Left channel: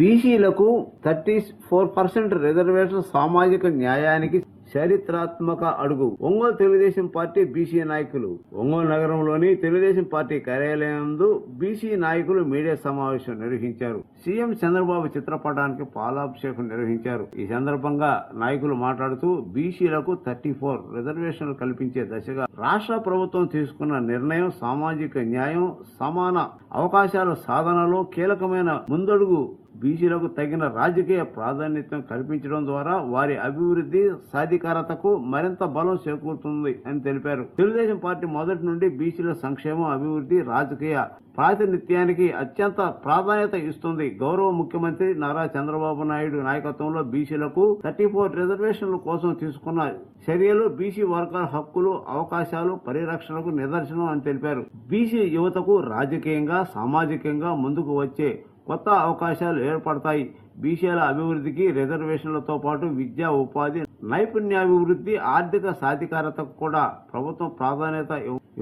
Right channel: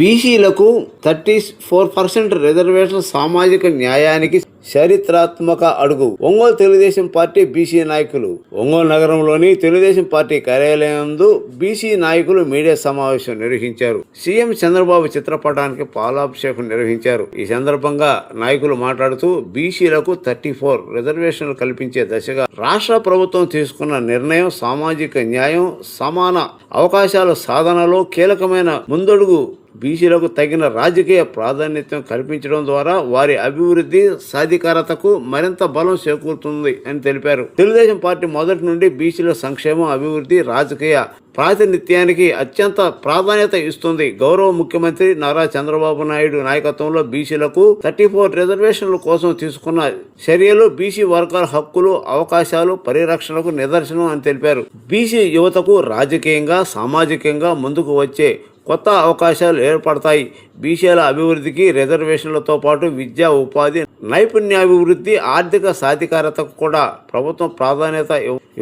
బీసీలకు 34% రిజర్వేషన్ సామాజిక న్యాయానికి చరిత్రాత్మక అడుగు. ఒంగోలు తెలుగుదేశం పార్టీ బీసీ నాయకులు. ఒంగోలు నగరంలోని తెలుగుదేశం పార్టీ కార్యాలయంలో బీసీ నాయకులు మీడియా సమావేశం నిర్వహించారు. సీఎం చంద్రబాబు చిత్రపటానికి పాలాభిషేకం నిర్వహించారు. ఈ సందర్భంగా నాయకులు మాట్లాడుతూ బీసీలకు 34 రిజర్వేషన్లు కల్పించే దిశగా రాష్ట్ర ప్రభుత్వం తీసుకున్న నిర్ణయం సామాజిక న్యాయం, సమాన అవకాశాల సాధనలో కీలకమైన ముందడుగు. బీసీలకు తగిన రాజకీయ ప్రాధాన్యత కల్పించడం ద్వారా వారి అభివృద్ధి సాధికారతకు మరింత బలం చేకూరుతుంది అని తెలిపారు. తెలుగుదేశం పార్టీ మొదటి నుండి బీసీల సంక్షేమం, అభివృద్ధి, రాజకీయ ప్రాతినిధ్యానికి అత్యంత ప్రాధాన్యత ఇస్తుంది. గౌరవ ముఖ్యమంత్రి నారా చంద్రబాబు నాయుడు నాయకత్వంలో బీసీలకు 34 రిజర్వేషన్ల కోసం తీసుకున్న చర్యలు బీసీ వర్గాల హక్కులు, అవకాశాలు పరిరక్షణకు నిదర్శనం అని తెలిపారు. బీసీ యువతకు రాజకీయంగా, సామాజికంగా ముందుకు వచ్చే కొత్త అవకాశాలు ఏర్పడతాయి. బీసీల అభివృద్ధికి రిజర్వేషన్లతో పాటు విద్యా, ఉపాధి, నైపుణ్యాభివృద్ధి, ఆర్థిక సాధికారతకు కూడా ప్రభుత్వం ప్రాధాన్యత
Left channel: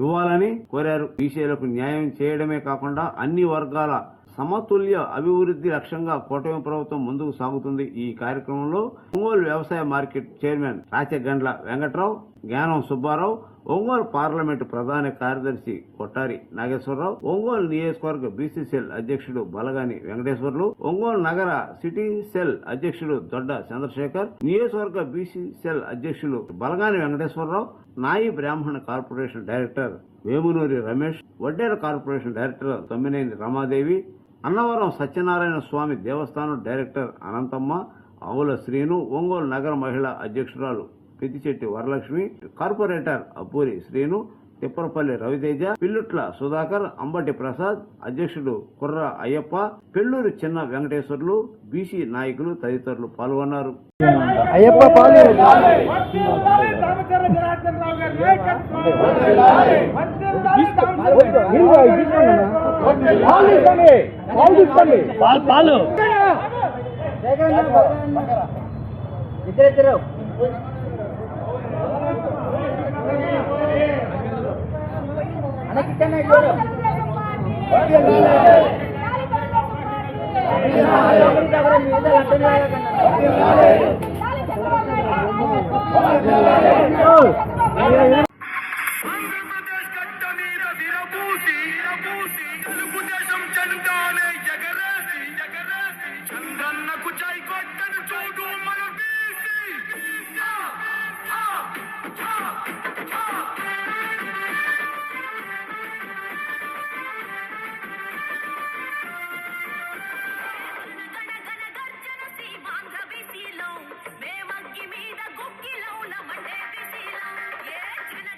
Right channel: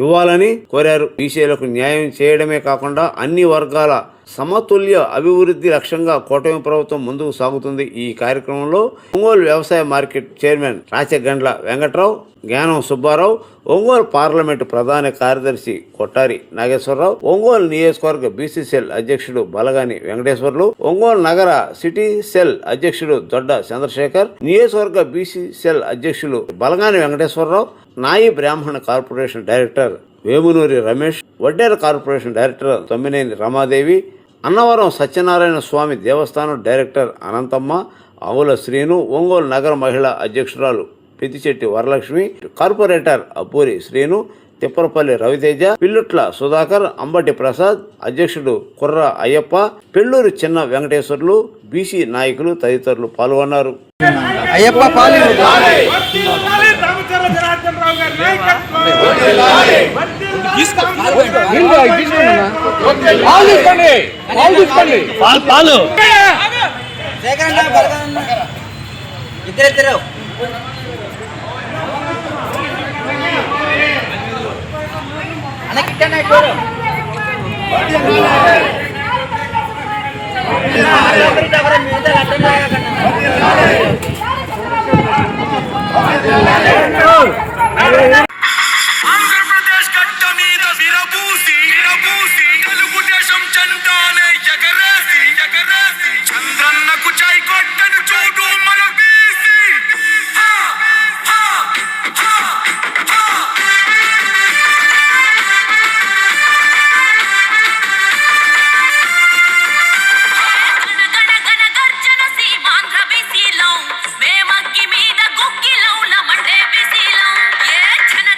ఇవ్వాలని కోరారు. బీసీలకు న్యాయం చేయడమే కాకుండా అన్ని వర్గాల సమతుల్య అభివృద్ధి లక్ష్యంగా కూటమి ప్రభుత్వం ముందుకు సాగుతుంది. ఈ కార్యక్రమంలో ఒంగోలు వ్యవసాయ మార్కెట్ చైర్మన్ రాచగండ్ల వెంకట్రావు, జ్ఞానం సుబ్బారావు, ఒంగోలు పార్లమెంటు ప్రధాన కార్యదర్శి కొట్టారి నాగేశ్వరరావు, ఒంగోలు నియోజకవర్గ బీసీ సెల్ అధ్యక్షుడు బలగాని వెంకటేశ్వర్లు, ఒంగోలు నగర సిటీ సెల్ అధ్యక్షుడు దొడ్డ చంద్రశేఖర్, నియోజకవర్గ బీసీ సెల్ అధ్యక్షులు బలగాని వెంకటేశ్వరరావు, నాయి బ్రాహ్మణ corporation director Vemunuri Ramesh, Vaddera corporation director Tommineni Ramadevi, Annavaram Satyanarayana Swamy దేవస్థానం డైరెక్టర్ అనంతమ్మ, ఆవుల శ్రీను, ఒంగోలు నగర మహిళా అధ్యక్షురాలు పెద్దిచెట్టి వరలక్ష్మి, కార్పొరేటర్ అబ్బూరి శ్రీను, తిప్పరపల్లి రవితేజ, పిల్లుట్ల సుధాకర్, అంబటి ప్రసాద్, అధ్యక్షుడు కుర్ర అయ్యప్ప, పెళ్లూరు చిన్న వెంకటేశ్వర్లు, బీసీ నాయకులు తదితరులు పాల్గొన్నారు. ఆంధ్రప్రదేశ్ గడ్డ మీద విరబూసి తెలుగుదేశం జెండానే ఎగరేసి చంద్రన్నకు జై కొట్టను చూడు మన బీసీ. గర్జన సీమాంధ్ర బీసీలో మేమగ్గి మీద గుక్కిలో మండే బీసీలో ఏ జన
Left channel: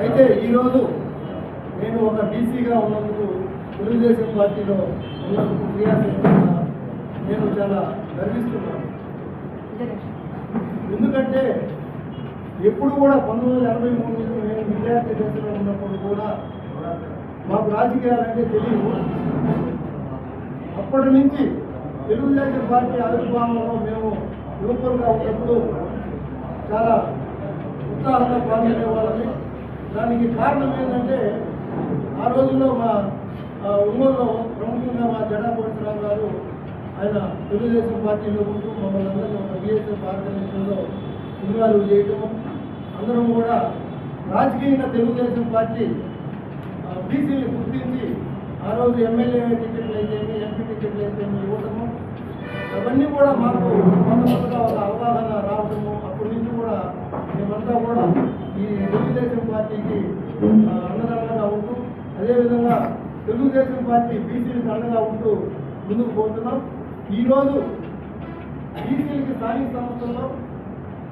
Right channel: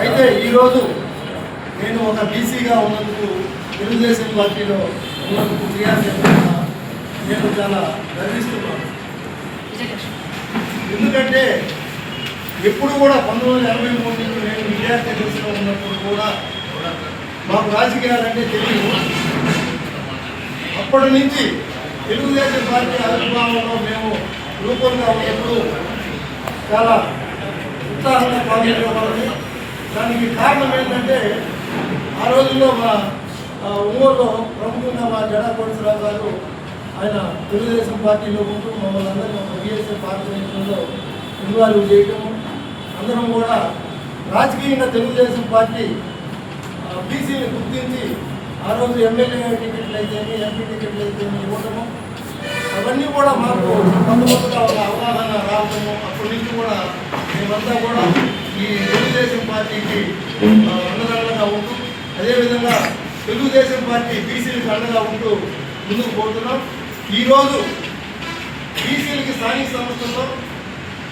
అయితే ఈరోజు నేను ఒక బీసీగా ఉన్నందుకు తెలుగుదేశం పార్టీలో ఉన్నందుకు క్రియాశీలంగా నేను చాలా గర్విస్తున్నాను. ఎందుకంటే ఎప్పుడు కూడా 1983 నుంచి నేను విద్యార్థి దశలో ఉన్నప్పుడు కూడా మాకు రాజకీయాలంటే తెలియదు. అప్పటి నుంచి తెలుగుదేశం పార్టీ ఆవిర్భావంలో మేము రూపంగా ఉన్నప్పుడు చాలా ఉత్సాహంగా పాల్గొనేవాళ్ళని. దానికి కారణం ఏంటంటే ఆ రోజుల్లో మా ఒంగోలులో ప్రముఖంగా మా జడా కోటేశ్వరరావు గారు ఆయన తెలుగుదేశం పార్టీలో ఉంటూ మమ్మల్ని అందరినీ ఒక బీఎస్ఎఫ్ ఆర్గనైజేషన్లో ఇన్వాల్వ్ చేయటము, అందరం కూడా రాజకీయంగా తెలుగుదేశం పార్టీ బీసీని గుర్తించి ఆ రోజు ఎమ్మెల్యే టికెట్లు అయితేమి ఎంపీ టికెట్లు అయితేమి ఇవ్వటము, అవన్నీ కూడా మాకు కొంతమందిగా ఒక అవగాహన రావటము. అప్పటి నుంచి కూడా మేమంతా కూడా ఈ తెలుగుదేశం పార్టీకి అండదండగా ఉంటూ, అదేవిధంగా తెలుగుదేశం పార్టీ బీసీలకు అండగా ఉంటూ ముందుకు పోతున్నాం. ఈరోజు బీసీలకి స్థానిక సంస్థల్లో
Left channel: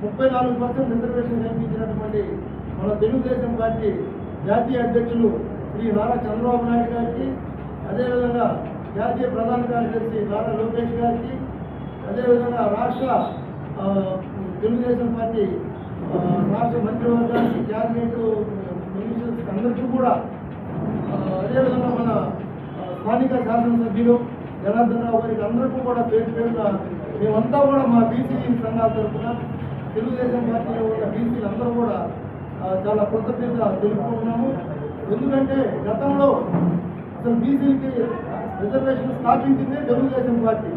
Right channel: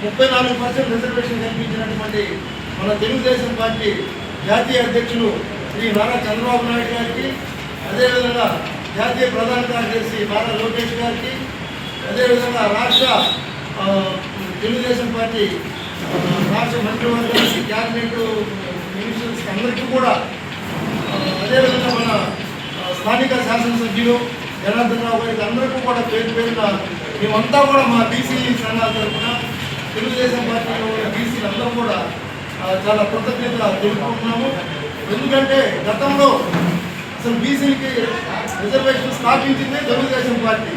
34% రిజర్వేషన్ కల్పించినటువంటి మన తెలుగుదేశం పార్టీ జాతీయ అధ్యక్షులు శ్రీ నారా చంద్రబాబు నాయుడు గారికి, అదేవిధంగా జాతీయ ప్రధాన కార్యదర్శి నారా లోకేష్ గారికి, అదేవిధంగా రాష్ట్ర తెలుగుదేశం పార్టీ రాష్ట్ర మంత్రివర్గానికి, క్యాబినెట్ మినిస్టర్స్ అందరికీ కూడా, అదేవిధంగా మన స్థానిక శాసనసభ్యులు జనార్దన్ రావు గారికి అందరికీ కూడా పేరు పేరున మేమంతా కూడా మా బీసీ సంఘాల తరఫున తెలుగుదేశం పార్టీలో ఉన్న బీసీలు అందరూ కూడా చాలా కృతజ్ఞత తెలుపుకుంటున్నాము. ఎందుకంటే గతంలో అసలు బీసీలకి రిజర్వేషన్ స్థాపించిందే తెలుగుదేశం పార్టీ.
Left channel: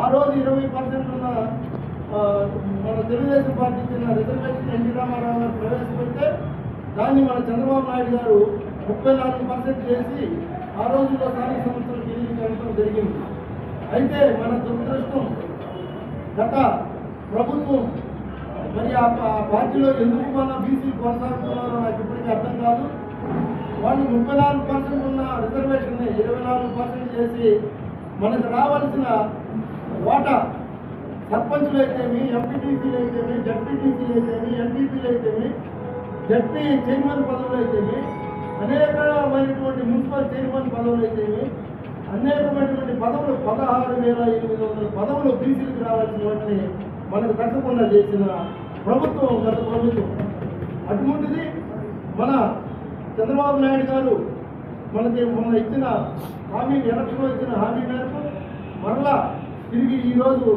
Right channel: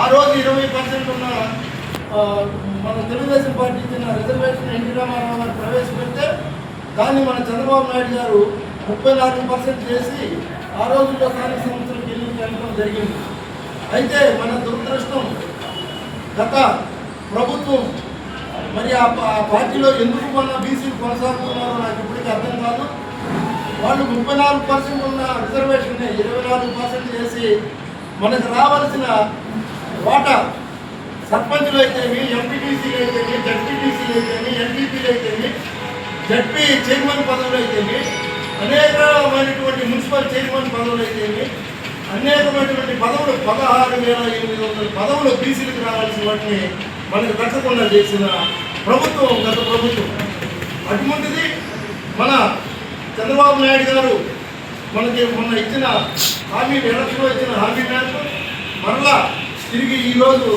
ఆ రోజు 20% ఉన్న మన తెలుగుదేశం పార్టీ ఇచ్చిన రిజర్వేషన్ ఎన్టీ రామారావు గారు ప్రవేశపెడితే దాన్ని మన చంద్రబాబు నాయుడు గారు 34% చేసి ఆ రోజుల్లో స్థానిక సంస్థలకు ఎన్నికలు జరిగింది. అయితే మన దురదృష్టం గత ప్రభుత్వం మరి ఆ పార్టీలో ఎందుకు మన బీసీలు కొనసాగుతున్నారో నాకు ఇప్పటికీ అర్థం కాదు. వాళ్ళు 34% ఉన్న రిజర్వేషన్ 24% చేసి మనకు రావాల్సిన వాటా సర్పంచులు అయితేమి, ఎంపీటీసీలు అయితేమి, జడ్పీటీసీలు అయితేమి, ఎన్టీపీలు అయితేమి, జడ్పీ చైర్మన్ పదవులు అయితేమి, అనేకమైనటువంటి మున్సిపల్ చైర్మన్ పదవులు అయితేమి, అనేకమైనటువంటి పదవులు 16,800 పదవులు బీసీలకు రావాల్సిన వాటిని మనకు దక్కకుండా చేసిన ప్రభుత్వం గత ప్రభుత్వం. అటువంటిది మన చంద్రబాబు నాయుడు గారు మనకి మొన్న ఇచ్చిన హామీ, ఎలక్షన్లో ఇచ్చిన హామీ మేరకు మరలా తిరిగి ఈరోజు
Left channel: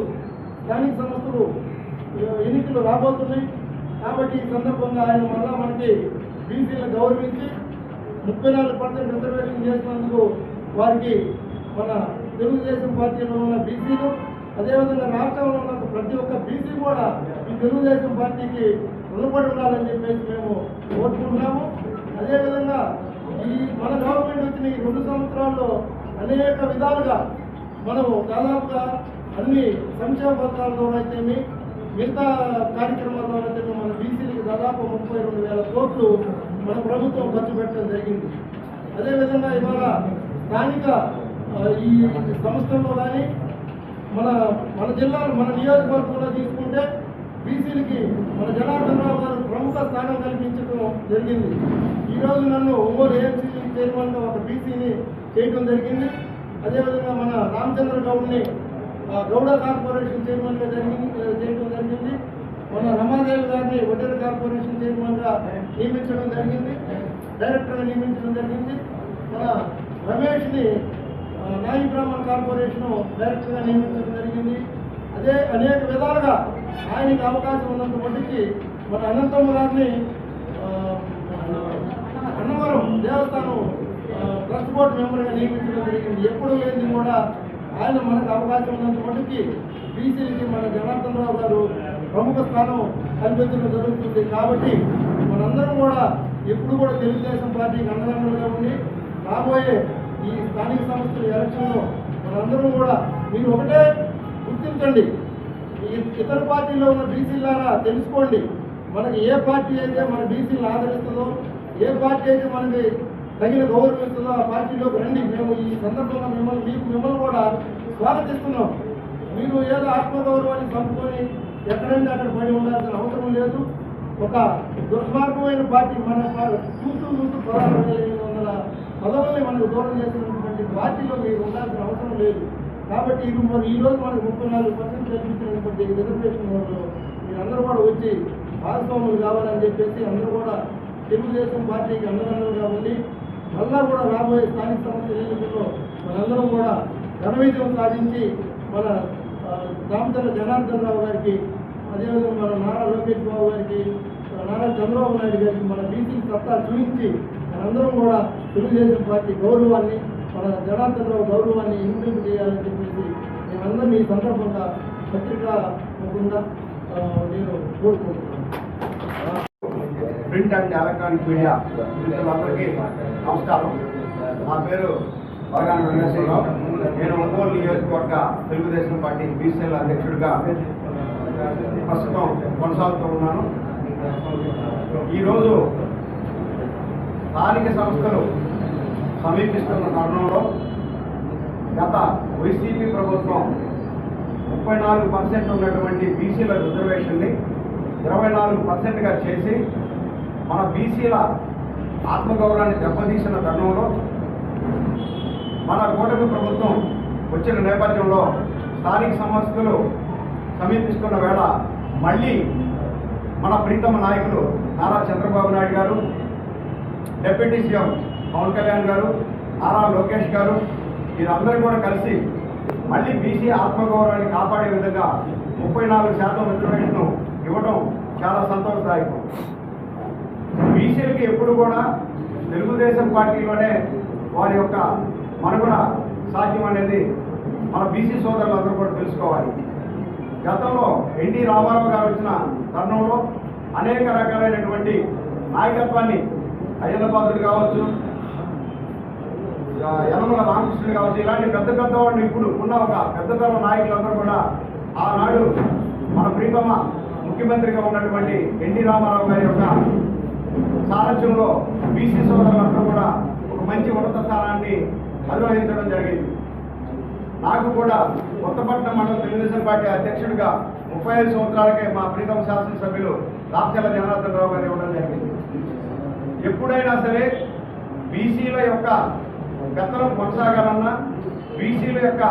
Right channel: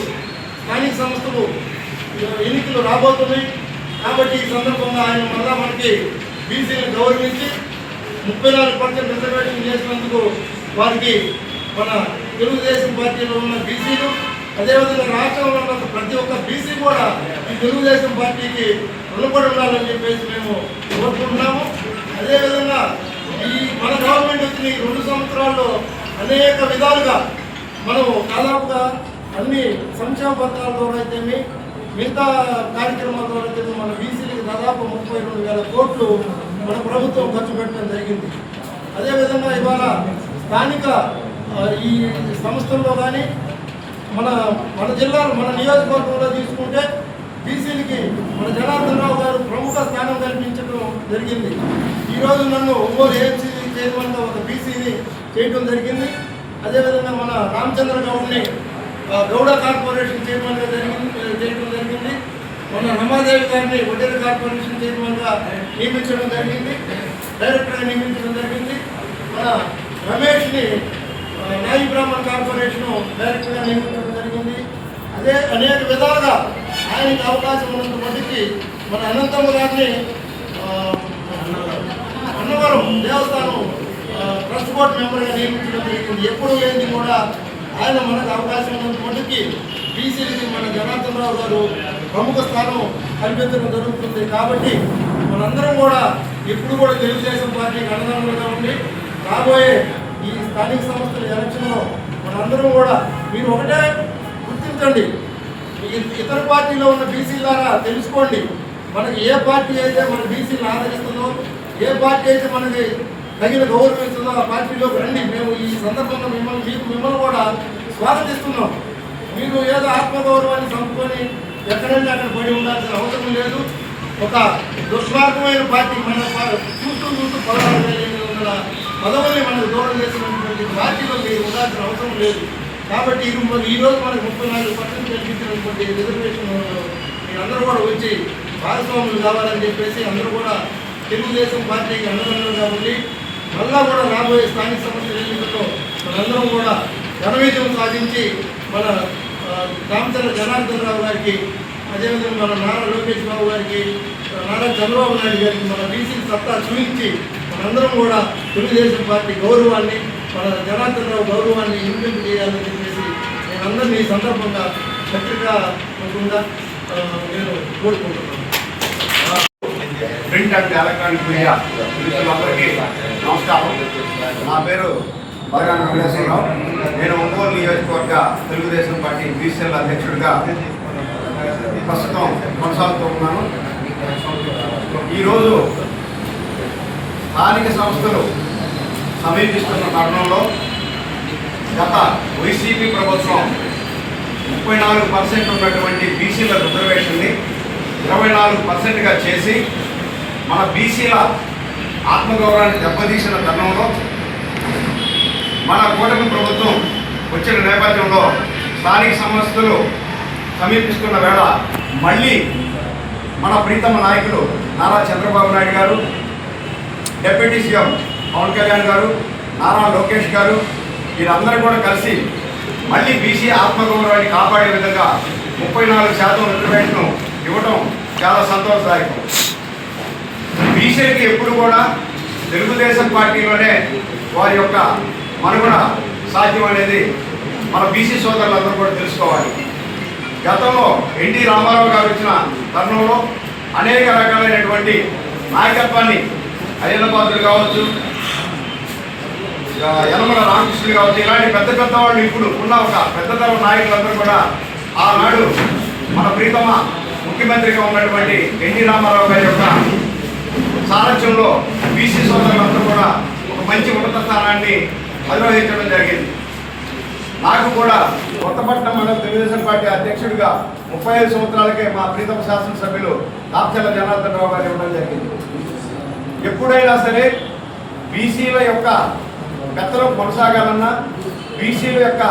స్థానిక సంస్థలు ఎన్నికలు రాబోతున్నాయి. కాబట్టి ఈ సందర్భంగా ఆయన మరలా మనకి బీసీలను గౌరవించి 34% రిజర్వేషన్ చేసినందుకు వారికి మన తెలుగుదేశం పార్టీలో ఉన్న బీసీలు, అదేవిధంగా రాష్ట్రంలో ఉన్న ప్రతి ఒక్క బీసీ కూడా ఈ తెలుగుదేశం పార్టీకి రుణపడి ఉండాలని చెప్పేసి మేము కోరుకుంటున్నాము. అదేవిధంగా ఈ మన గవర్నమెంట్ వచ్చిన ఈ 2 సంవత్సరాల్లో అనేక విధాలుగా మనం దాదాపుగా అన్ని సంక్షేమ పథకాల ద్వారా అయితేమి, మిగతా కార్యక్రమాల ద్వారా అయితే మన బీసీలకి దాదాపు 32,000 కోట్లు మన ప్రభుత్వం ఖర్చు పెట్టడం జరిగింది. అదేవిధంగా ఇవాళ స్థానిక ఈ సంస్థల్లో కానీ మన జిల్లాలో మన నియోజకవర్గంలో తీసుకుంటే బీసీలకి మన జనార్దన్ రావు గారు ప్రముఖ స్థానం కల్పించడం జరిగింది. ఈరోజు నన్ను ఒంగోలు ఏఎంసీ చైర్మన్గా ఒక బీసీని చేయడం జరిగింది. అదేవిధంగా మన రామచంద్ర గౌడ్ని గౌడ కార్పొరేషన్ చైర్మన్గా చేయడం జరిగింది. మన రమాదేవి గారిని వడ్డేరు కార్పొరేషన్ చైర్మన్గా నియమించడం జరిగింది, డైరెక్టర్గా నియమించడం జరిగింది. మన రమేష్ని నాయి బ్రాహ్మణ్ కార్పొరేషన్ డైరెక్టర్గా నియమించడం జరిగింది. అదే అనేక విధాలుగా ఆయనకి అవకాశం ఉన్నంత మటుకి మన అనంతమ్మ గారిని అన్నవరం దేవస్థానం ట్రస్ట్ బోర్డు మెంబర్గా నియమించడం జరిగింది. ఎప్పుడూ లేనిది కూడా ఆయన మనకు అవకాశం ఉన్నంత మటుకి బీసీలకి మన జనార్దన్ రావు గారు ప్రముఖ స్థానం కల్పించడం జరుగుతుంది. కాబట్టి మనందరం కూడా ఎప్పుడు కూడా తెలుగుదేశం పార్టీకి అండదండలుగా ఉండి రాబోయే ఈ స్థానిక సంస్థల ఎలక్షన్లో మనందరం కూడా మీరు ఒకటే గుర్తించండి, ఇతర పార్టీలో ఉన్న బీసీలారా తెలుసుకోండి, మనకి ఏ పార్టీ అయితే మన బీసీలను ఆదరిస్తుందో, ఏ పార్టీ అయితే మనకి తగిన గౌరవిస్తుందో ఆ పార్టీలోకి రండి. మేము ఈ సందర్భంగా మిమ్మల్ని కూడా స్వాగతిస్తున్నాం. మీరు ఏదో ఆత్మగౌరవాన్ని చంపుకొని ఎక్కడంటే అక్కడ పడి ఉండాల్సిన అవసరం లేదు. ఒక దుర్మార్గమైన పార్టీ మన చూస్తూ 16,500 పదవుల్ని మనకు దూరం చేసినటువంటి పార్టీలో మీరు ఉండాల్సిన అవసరం లేదు. కాబట్టి ఇది మరి ఈరోజు మనకు 34% కల్పించినటువంటి రిజర్వేషన్ మీరందరూ కూడా వచ్చి భాగస్వాములు కావాలని చెప్పేసి అందరూ కూడా తెలుగుదేశం పార్టీకి అండదండలుగా ఉండి మళ్ళా కూడా రాబోయే స్థానిక సంస్థల ఎన్నికల్లో మనందరం కూడా ఘన విజయం సాధించి మన రామచంద్ర జనార్దన్ రావు గారికి, అదేవిధంగా మన నారా లోకేష్ బాబు గారికి, నారా చంద్రబాబు నాయుడు గారికి మన బీసీ సత్తా చూపించి మనందరం కూడా తెలుగుదేశం పార్టీ గౌరవాన్ని, మన జనార్దన్ రావు గౌరవాన్ని ఇంప్లిమెంట్ చేయాలని చెప్పేసి నేను అందరినీ ఈ సందర్భంగా పత్రికాముఖంగా నేను కోరుకుంటున్నాను. ప్రింట్ అండ్ ఎలక్ట్రానిక్ మీడియా మిత్రులందరికీ నమస్కారం. నా పేరు బలగాన వెంకటేశ్వరరావు. నేను ఒంగోలు నియోజకవర్గ తెలుగుదేశం పార్టీ బీసీఎల్ అధ్యక్షుడిగా ప్రస్తుతం కొనసాగుతూ ఉన్నాను. ఈరోజు స్థానిక సంస్థలు సమీపిస్తున్న తరుణంలో గత వైసీపీ ప్రభుత్వం 34% ఉన్నటువంటి బీసీల రిజర్వేషన్ని 24%గా చేసి మన బీసీల ఆత్మగౌరవాన్ని దెబ్బతీసిన తరుణంలో మన కూటమి ప్రభుత్వం వచ్చిన నేపథ్యంలో స్థానిక సంస్థలు సమీపిస్తున్న వేళ మళ్ళీ మన ప్రీతమ నాయకులు నారా చంద్రబాబు నాయుడు గారు, డిప్యూటీ సీఎం పవన్ కళ్యాణ్ గారు, నారా లోకేష్ గారు వీరందరూ కూడా కలిసి మళ్ళీ బీసీ ఆత్మగౌరవాన్ని కాపాడే విధంగా 34% రిజర్వేషన్ ఇవ్వడం చాలా సంతోషదాయకం. బీసీకి ఎప్పుడు కూడా తెలుగుదేశం పార్టీలోనే వారి యొక్క మనుగడ సాధ్యం అనేది మన బీసీ సోదరులందరూ కూడా తెలుసుకోవాలి. గతంలో ఎన్టీ రామారావు గారు వచ్చిన తరుణంలో అనేక రకాలైనటువంటి నాయకత్వాన్ని అయ్యన్నపాత్రులు కావచ్చు, యనమల రామకృష్ణులు కావచ్చు, ఇలాంటి పెద్ద పెద్ద వాళ్ళు ఇప్పుడు ఉన్న ఒక పెద్దతరం నాయకులందరూ కూడా ఆనాడు మన ప్రీతమ ముఖ్యమంత్రిగా ఉన్నటువంటి ఎన్టీ రామారావు గారి యొక్క సారథ్యంలో బీసీ సోదరులందరూ కూడా ఒక మంచి ఉన్నత స్థానాన్ని అధిరోహించడం జరిగింది. నాకు కూడా కొత్తపట్నం మండల తెలుగుదేశం పార్టీ అధ్యక్షుడిగా 35 సంవత్సరాలకే మా ప్రీతమ శాసనసభ్యులు దాప్చర్ల జనార్దన్ రావు గారు ఇవ్వడం జరిగింది. ఎప్పుడైనా సరే బీసీల యొక్క పెత్తనం కొనసాగాలన్నా, బీసీల యొక్క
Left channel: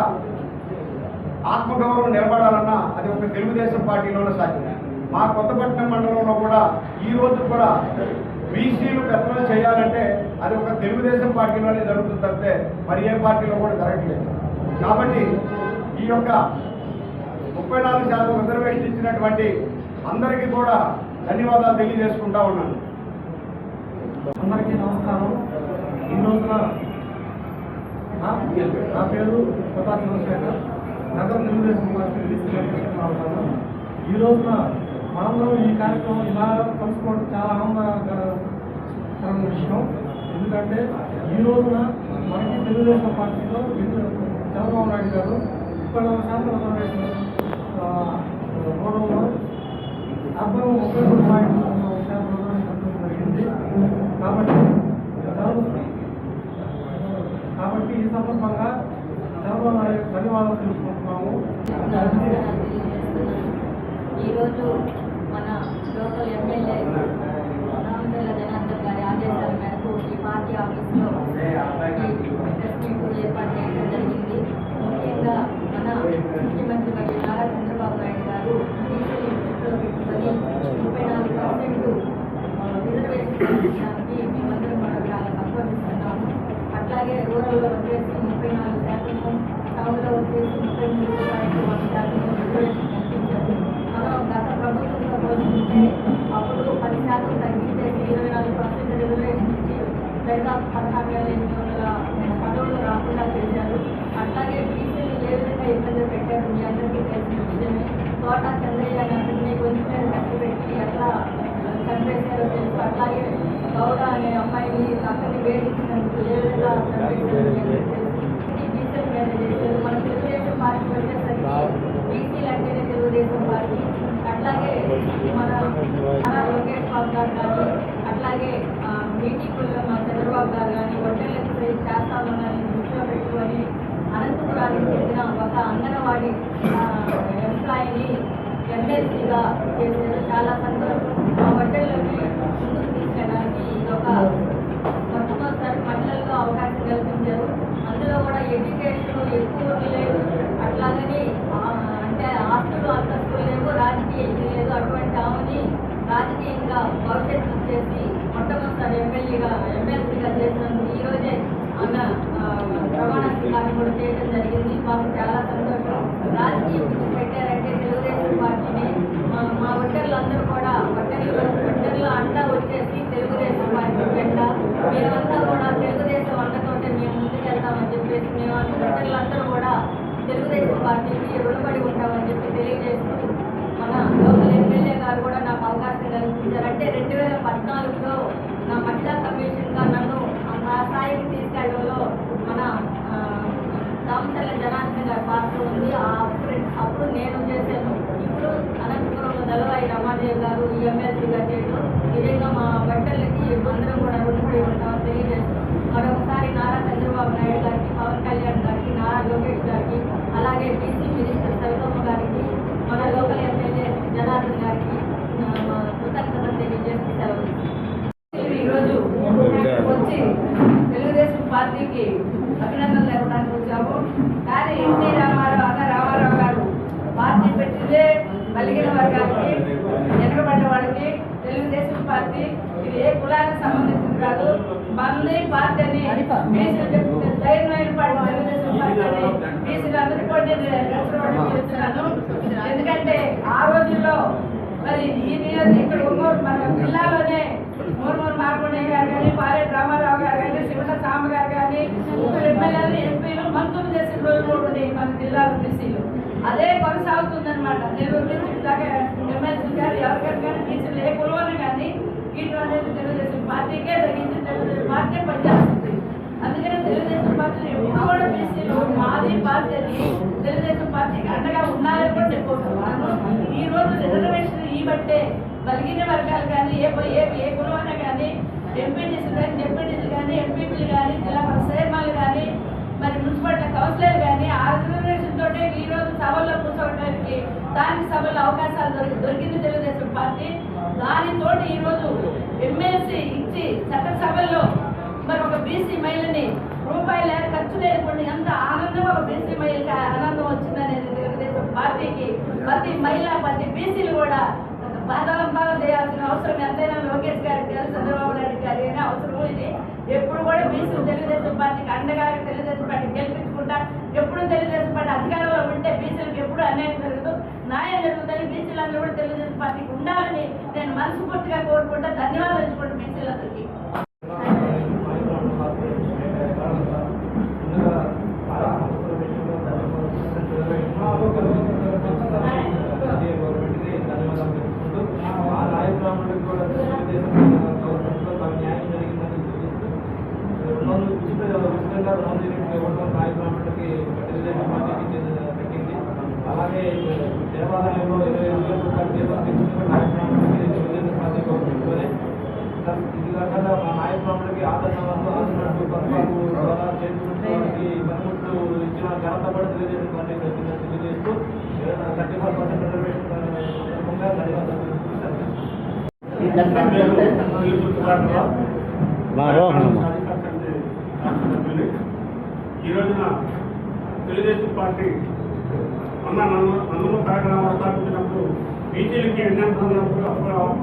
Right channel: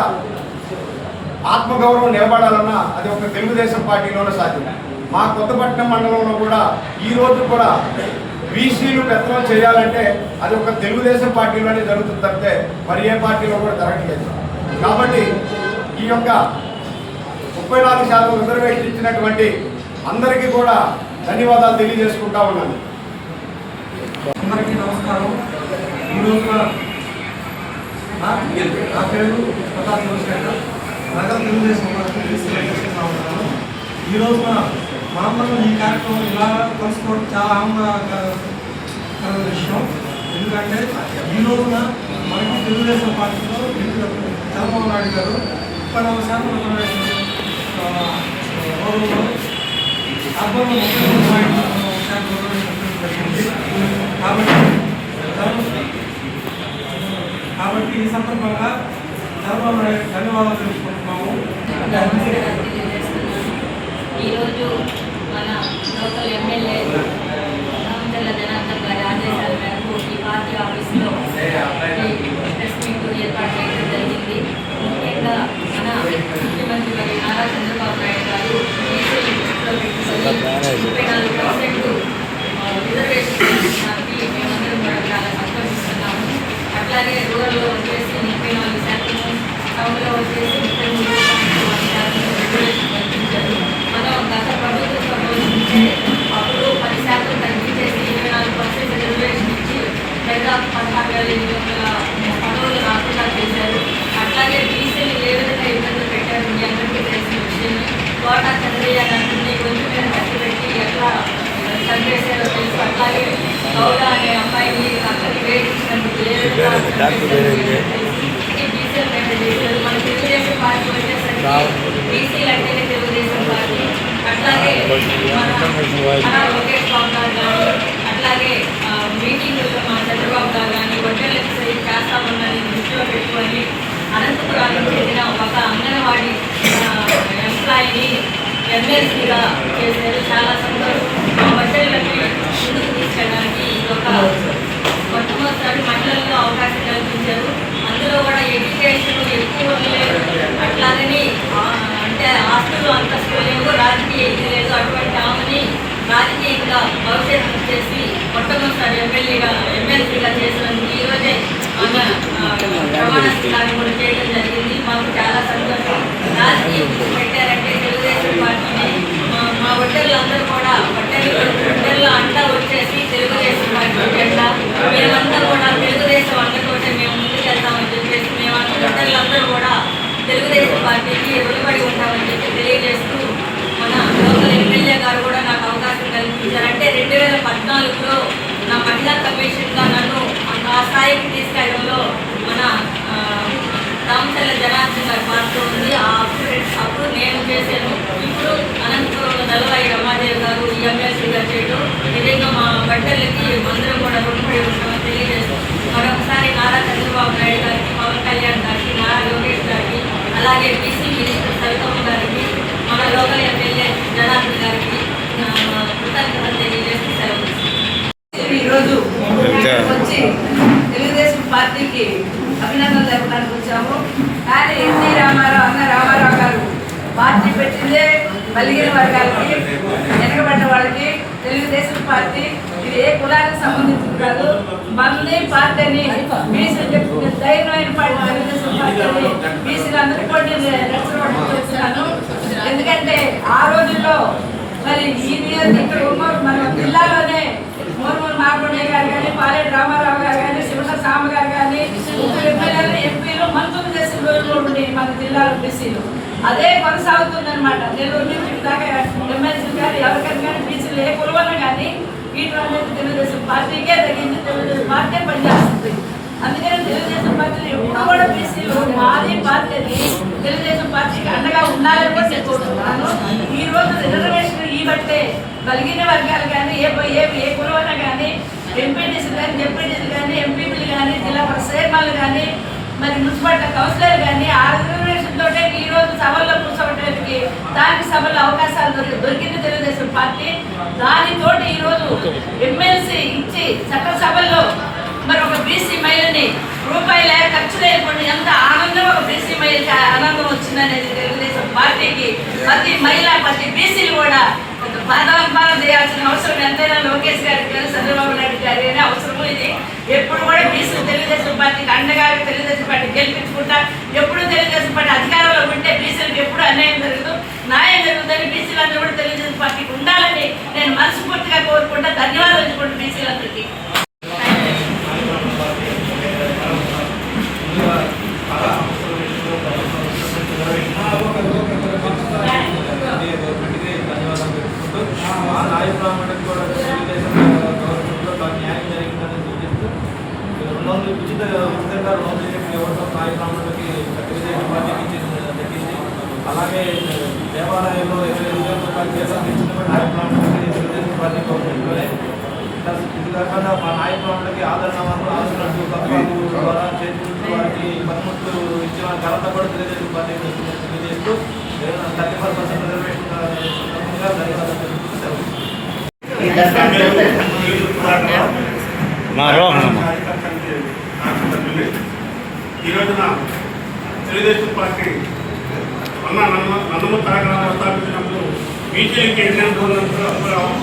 ఆత్మగౌరవం నిలబడాలన్నా అది ఒక తెలుగుదేశం పార్టీలోనే సాధ్యం. మా కొత్తపట్నం మండలంలో కూడా ఈ రోజు కూడా బీసీలు పెత్తనం చేయాలంటే అది ఒక తెలుగుదేశం పార్టీలోనే జరుగుతుంది తప్పితే మరి ఏ పార్టీలో కూడా జరగట్లేదు. కాబట్టి ఈ యొక్క 34% రిజర్వేషన్ ఇచ్చినటువంటి అందరికీ కూడా ధన్యవాదాలు తెలియజేసుకుంటా ఉన్నాను. అందరికీ నమస్కారం. ఈ రోజున నా పేరు ప్రతాప్ చంద్రశేఖర్, నగర తెలుగుదేశం పార్టీ చేస్తూ ఉంటాను. ఈ రోజున మనందరం ఈ కార్యక్రమం ఇలా కలుసుకోవడం చాలా ఆనందకరమైన విషయం. ఎందుకంటే ఈ రోజున మనకి తెలుగుదేశం పార్టీలో చంద్రబాబు నాయుడు గారు 34% రిజర్వేషన్ గౌరవంలో అర్బన్ 33% రిజర్వేషన్ జరిగింది. కాబట్టి ఈ సందర్భంగా చంద్రబాబు నాయుడు ధన్యవాదాలు తెలుసుకుంటున్నాము. ఈరోజు మన లోకల్ ఎమ్మెల్యే రామచంద్ర జనార్దన్ గారి ఆదేశాల మేరకు ఈ పార్టీ ఆఫీసులో ప్రెస్ మీట్ ఏర్పాటు చేయడం జరిగింది. ముఖ్యంగా మన ముఖ్యమంత్రి మరి నారా చంద్రబాబు నాయుడు గారు బీసీలు దృష్టిలో పెట్టుకొని 34% రిజర్వేషన్ మేమందరం కూడా చాలా సంతోషిస్తున్నాము. అట్లాగే రూరల్లో వచ్చేసి 34%, టౌన్లో వచ్చేసి 33% రిజర్వేషన్ కల్పించారు. మనం గత ప్రభుత్వంతో పోల్చుకుంటే అప్పుడు 10% తగ్గించేసి 24% రిజర్వేషన్ ఇచ్చి దాదాపు 16,800 పదవులు రాకుండా చేశారు. అట్లాగే బీసీలు ఏ విధంగా ఇబ్బందులు పెట్టారు మీ అందరికీ తెలిసిన విషయమే. కోట చంద్రయ్య గారిని కొంచెం మీద కట్టబెట్టి ఎట్లా చంపేశారో తెలుసు. అట్లాగే గౌడ అనే అమ్మాయిని అక్కడికి వేడించినందుకు ఏ విధంగా చంపేశారు ఈ బీసీలు మీద చేశారు. మన తెలుగుదేశం పార్టీ వచ్చేసరికి బీసీలు అంటేనే తెలుగుదేశం పార్టీ. అట్లాగే మన లోకేష్ బాబు గారు కానీ, అట్లాగే మీటింగ్లో మన చంద్రబాబు గారు కానీ వడ్డీలకు సరి చేస్తామన్నది దృష్టిలో పెట్టుకొని అనంతపురానికి చెందిన ఒక అంగన్వాడీ ఎంప్లాయీని ఎమ్మెల్సీగా చేశారు. చాలా సంతోషం. మా వడ్డీ మాకు చాలా సంతోషం. రాజకీయ ఇది పెట్టారంటే తెలుగుదేశం పార్టీని మా ఒట్టర్లందరూ కూడా ఒట్టర్లో అంతా వచ్చేసి తెలుగుదేశం పార్టీ జెండా మేమంతా కూడా తెలుగుదేశం అండతోటే మేము ముందుకెళ్తామని చెప్పేసి మేమంతా ఒట్టర్లందరూ కూడా తెలుగుదేశం పార్టీకి రుణపడి ఉంటామని చెప్పి తెలియజేస్తూ మన లోకల్ ఎమ్మెల్యే గారు కూడా నాకు అవకాశం కల్పించారు. అంటే 2014లో నా మహిళా కమిషన్గా నన్ను ఆ స్థాయికి తీసుకెళ్ళడంలో మన రామచల్ల జనార్దన్ గారి పాత్ర ఉంది. అప్పుడు నేను చేశాను. ఇప్పుడు అనంతపురంలో దళవాయి రమాదేవి గారు ఎమ్మెల్సీ గారు చేయడం నిజంగా మా బట్టలకి అందరం కూడా రుణపడి ఉంటామని తెలియజేస్తాం. మరొకసారి నారా చంద్రబాబు నాయుడు గారికి, పవన్ కళ్యాణ్ గారికి, నారా లోకేష్ గారికి, అలాగే బీసీ మినిస్టర్ సవితమ్మ గారికి, మన లోకల్ ఎమ్మెల్యే జనార్దన్ గారికి కృతజ్ఞతలు తెలియజేస్తూ సెలవు. ఈరోజు వచ్చి తెలుగుదేశం పార్టీకి అభినందనలు తెలపడానికి వచ్చాము. కానీ ఎన్టీ రామారావు గారు పార్టీ పెట్టిందే బలిగిన వర్గాలకి, వెనకబడ్డ వాళ్ళకి. తెలుగుదేశం పార్టీ ఇది ఏ కులానికి సంబంధించింది కాదు. మళ్ళీ పార్టీని బీసీ ధైర్యమైన పార్టీ తెలుగుదేశం పార్టీని బీసీలు అందరికీ కూడా నడుచుకున్నాను. ఎందుకంటే ఆ రోజుల్లో మరి ఈ ఇక్కడ మన జిల్లాలోనే మూర్మూరు మాగుండయ్య గారు కానీ, పాలేటి రామారావు గారు కానీ, శివన సాంబ గారు కానీ, ఎమ్మెల్యేలు, ఎంపీలు, మంత్రులు చేసిన రోజులు కూడా ఉండేవి మన జిల్లాలో బీసీలు. అదే కొనసాగుతుందన్నమాట. నెల్లూరు నుంచి దాకా ఎమ్మెల్సీలు కానీ ఎవరికైనా కానీ బీసీలు ఏ కులవన్నా కానీ వీటి అనేది తెలుగుదేశం పార్టీకే తగ్గింది. తెలుగుదేశం పార్టీ పనిచేస్తుంది. అందుకని తెలుగుదేశం పార్టీలు ఎప్పుడు కూడా బీసీలు మాది పార్టీని తెలుగుదేశం పార్టీకి అండగా ఉండాలని కూడా చెప్పుకుంటున్నాను. ఈ రోజు రిజర్వేషన్ ఈ బట్టే బలిగిన వర్గాలు కానీ ఏ కులవన్నా కానీ ఎంపీటీసీలు కానీ, జెడ్పీటీసీలు కానీ, ఎంపీపీలు కానీ, జిల్లా పరిశ్రమలు కానీ, మరి మున్సిపాలిటీ కౌన్సిలర్ కానీ ఆ రిజర్వేషన్ తోటే ఈ రోజు సభల్లో కూర్చోవడానికి దానికి సభల్లో అవకాశాలు దొరికింది తెలుగుదేశం పార్టీ. దానితోటి ఈరోజు ఎమ్మెల్సీ ఇచ్చి చట్టసభల్లో మరి ఒక బీసీ మహిళని రూపాయల ఖర్చు లేకుండా ఎంత ఆనందం ఒక బీసీ మహిళకి ఆనందం వచ్చిందనేది తెలుగుదేశం పార్టీకి ప్రతి మహిళ, ప్రతి బీసీలు కూడా బాధాపాదం చేయాల్సిన అవసరం ఎంతైనా లోకేష్ గారికి కానీ, చంద్రబాబు నాయుడు గారి కానీ అవసరము. ఇది ఎప్పుడు కూడా బీసీ తెలుగుదేశం పార్టీకి అండగా తెలుగుదేశం పార్టీ గెలిపించుకుంటా. ఎప్పుడు తెలుగుదేశం పార్టీ అధికారంలో ఉంటే బీసీలకు ఎప్పుడు అన్యాయం జరగదు, న్యాయం జరుగుతుంది. బీసీలందరూ కూడా తెలుగుదేశం పార్టీకి ఉండాలని నేను మనస్ఫూర్తిగా కోరుకుంటా. ధన్యవాదాలు తెలుసుకుంటా బీసీలందరికీ. అలాగే దేవాలయంలో 25,000 రూపాయలు కేటాయించిన నాయ బ్రాహ్మణులకి తెలుగుదేశం పార్టీ గవర్నమెంట్లోనే ఇది కాకుండా మా నాయ బ్రాహ్మణులకి ఆదరణ వరకు ఆదరణలు పథకాలు ద్వారా చేర్చుకుంటూ వారికి పనిముట్లు ఇచ్చిన ఘనత కూడా తెలుగుదేశం పార్టీ తెలియజేస్తూ 35% రిజర్వేషన్ సందర్భంగా ధన్యవాదాలు తెలుపుతూ ఈ రోజున తెలుగుదేశం పార్టీ నందమూరి తారక రామారావు స్థాపించినప్పుడు బీసీలకి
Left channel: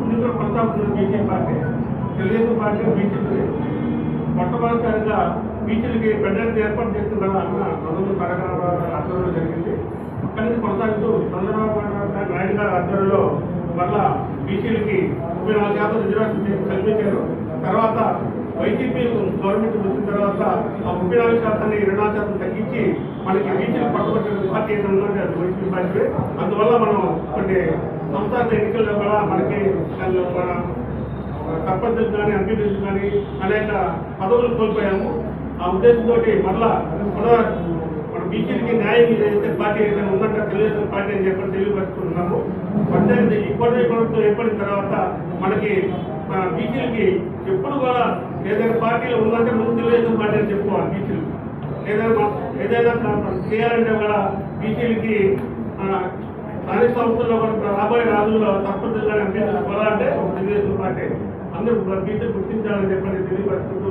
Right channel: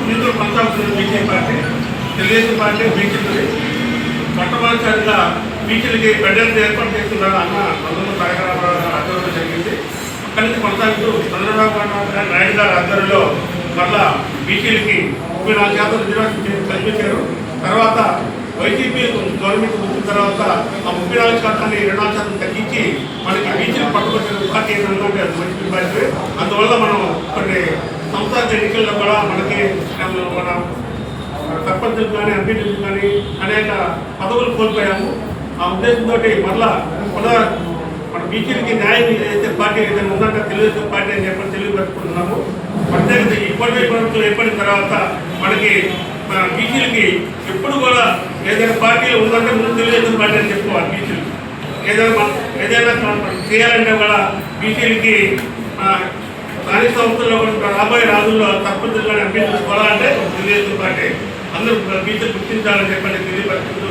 నిధులు కొనసాగుతున్న బీసీ పార్టీ తెలుగుదేశం పార్టీ బీసీలు మొట్టమొదటిసారిగా బీసీలకి పెద్దలు ఏర్పాటు చేస్తున్నారు అన్న నందమూరి తారక రామారావు గారు ఆధ్వర్యంలో జరిగింది. అక్కడి నుంచి కొనసాగుతూ చంద్రబాబు నాయుడు గారి ఆధ్వర్యంలో మళ్ళా బీసీలకి 34% రిజర్వేషన్ కల్పించారు. తర్వాత వైసీపీ గవర్నమెంట్ వచ్చిన తర్వాత ఆ 34% 24% తగ్గించి మనకి బీసీలు పట్టుబట్టిన పార్టీ ఏదైనా ఉంటే అది వైసీపీ పార్టీ. అందువల్ల మనం కొన్ని సంస్థాగత ఎన్నికల్లో కూడా మనకి మన సర్పంచులు కానీ, ఎంపీటీలు కానీ అనేక పదవులు కోల్పోయాము. ఆ ఉద్దేశంతో మళ్ళా మన బీసీలకి న్యాయం చేసే పార్టీ ఏదైనా ఉందంటే తెలుగుదేశం పార్టీ అని చెప్పి తెలియపరుచుకుంటున్నాము. ప్రత్యేకత ఈ కోటి ప్రభుత్వం ఏర్పడిన తర్వాత మనకి బీసీలకి ఎప్పుడు కూడా ఏదైనా పార్టీలు ఉందంటే ముందు తెలుగుదేశం పార్టీ అని చెప్పుకోవాలి. బీసీలు ఏదైనా చేయాలంటే కూడా బీసీలకి స్థానిక సంస్థల్లో కూడా రాబోయే రోజుల్లో తప్పనిసరిగా ఎంపీసుకోవాలంటే తెలుగుదేశం పార్టీ అందరూ బీసీలు గుర్తించాలని చెప్పండి తెలియపరుచుకుంటూ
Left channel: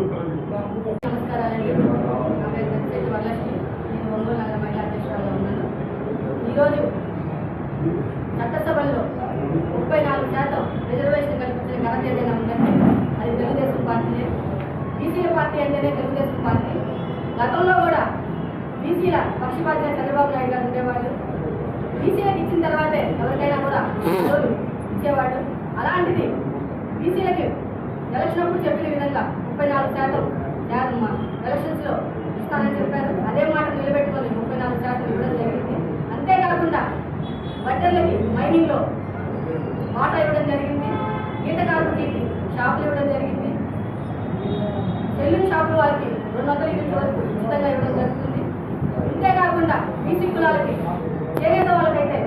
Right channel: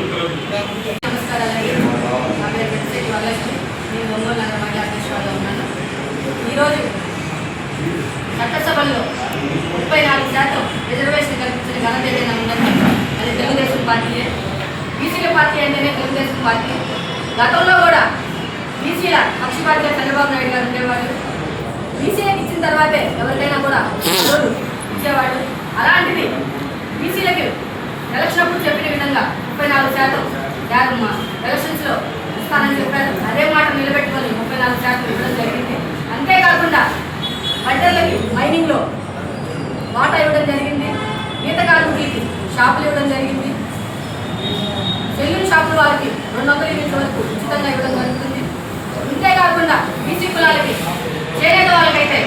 ఈరోజు చట్టసభల్లో 34% రిజర్వేషన్ కల్పించిన ఘనత ఏదైనా ఉందంటే అది తెలుగుదేశం పార్టీయే. బీసీల పార్టీ అంటేనే తెలుగుదేశం పార్టీ. గతంలో కూడా బీసీల పక్షపాతిగా చంద్రబాబు నాయుడు గారు ఉండేవాళ్ళు. బీసీలకు ఇచ్చిన తర్వాతే ఎవరికైనా కూడా ఓటు ఇచ్చేవాళ్ళు. అలాంటిది బీసీలకి ఎలక్షన్ అప్పుడు చెప్పిన విధంగా 34% ఎలక్షన్స్లో ఇస్తానని చెప్పారు. అదే మాట నిలబెట్టుకొని 34% ఇవ్వడం జరిగింది. అంతేకాకుండా బట్టర్లకి మైనింగ్లో వాటా ఇవ్వడం జరిగింది. ఈత కార్మికులకి షాపులు ఇవ్వడం జరిగింది. సెల్యూన్ షాపుల వాళ్ళకి 200 యూనిట్ల వరకు ఉచితంగా ఇవ్వడం జరుగుతుంది. అంతేకాకుండా బీసీ కులాలకి చేనేత వాళ్ళకైతే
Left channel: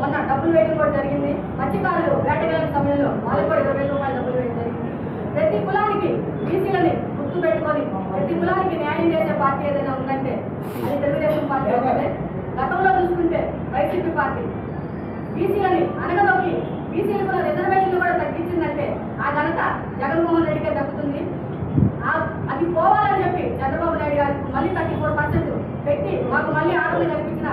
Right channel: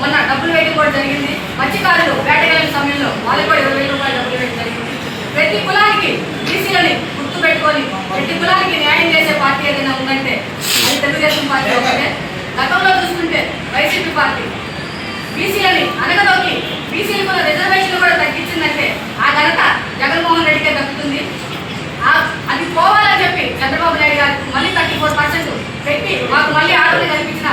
మొన్న డబ్బులు వేయడం కూడా జరిగింది. మత్స్యకారులు వేటగాళ్ళ సమయంలో వాళ్ళకి కూడా 20,000 రూపాయలు డబ్బులు వేయడం జరిగింది. ప్రతి కులానికి బీసీలని గుర్తుపెట్టుకొని ప్రతి కులానికి న్యాయం చేసే పార్టీ ఏదైనా ఉందంటే అది తెలుగుదేశం పార్టీ ఒకటే. గతంలో చూసుకుంటే వైసీపీ పార్టీ బీసీలని అనగదొక్కి బీసీలకు ఉన్న రిజర్వేషన్ కూడా తగ్గించిందంటే ఆ ఘనత జగన్మోహన్ రెడ్డికే దక్కుతుంది. అది పోవాలని చెప్పి చంద్రబాబు నాయుడు గారికి మళ్ళీ 34% పెట్టి మాకు మళ్ళీ ఆటలు కల్పించిన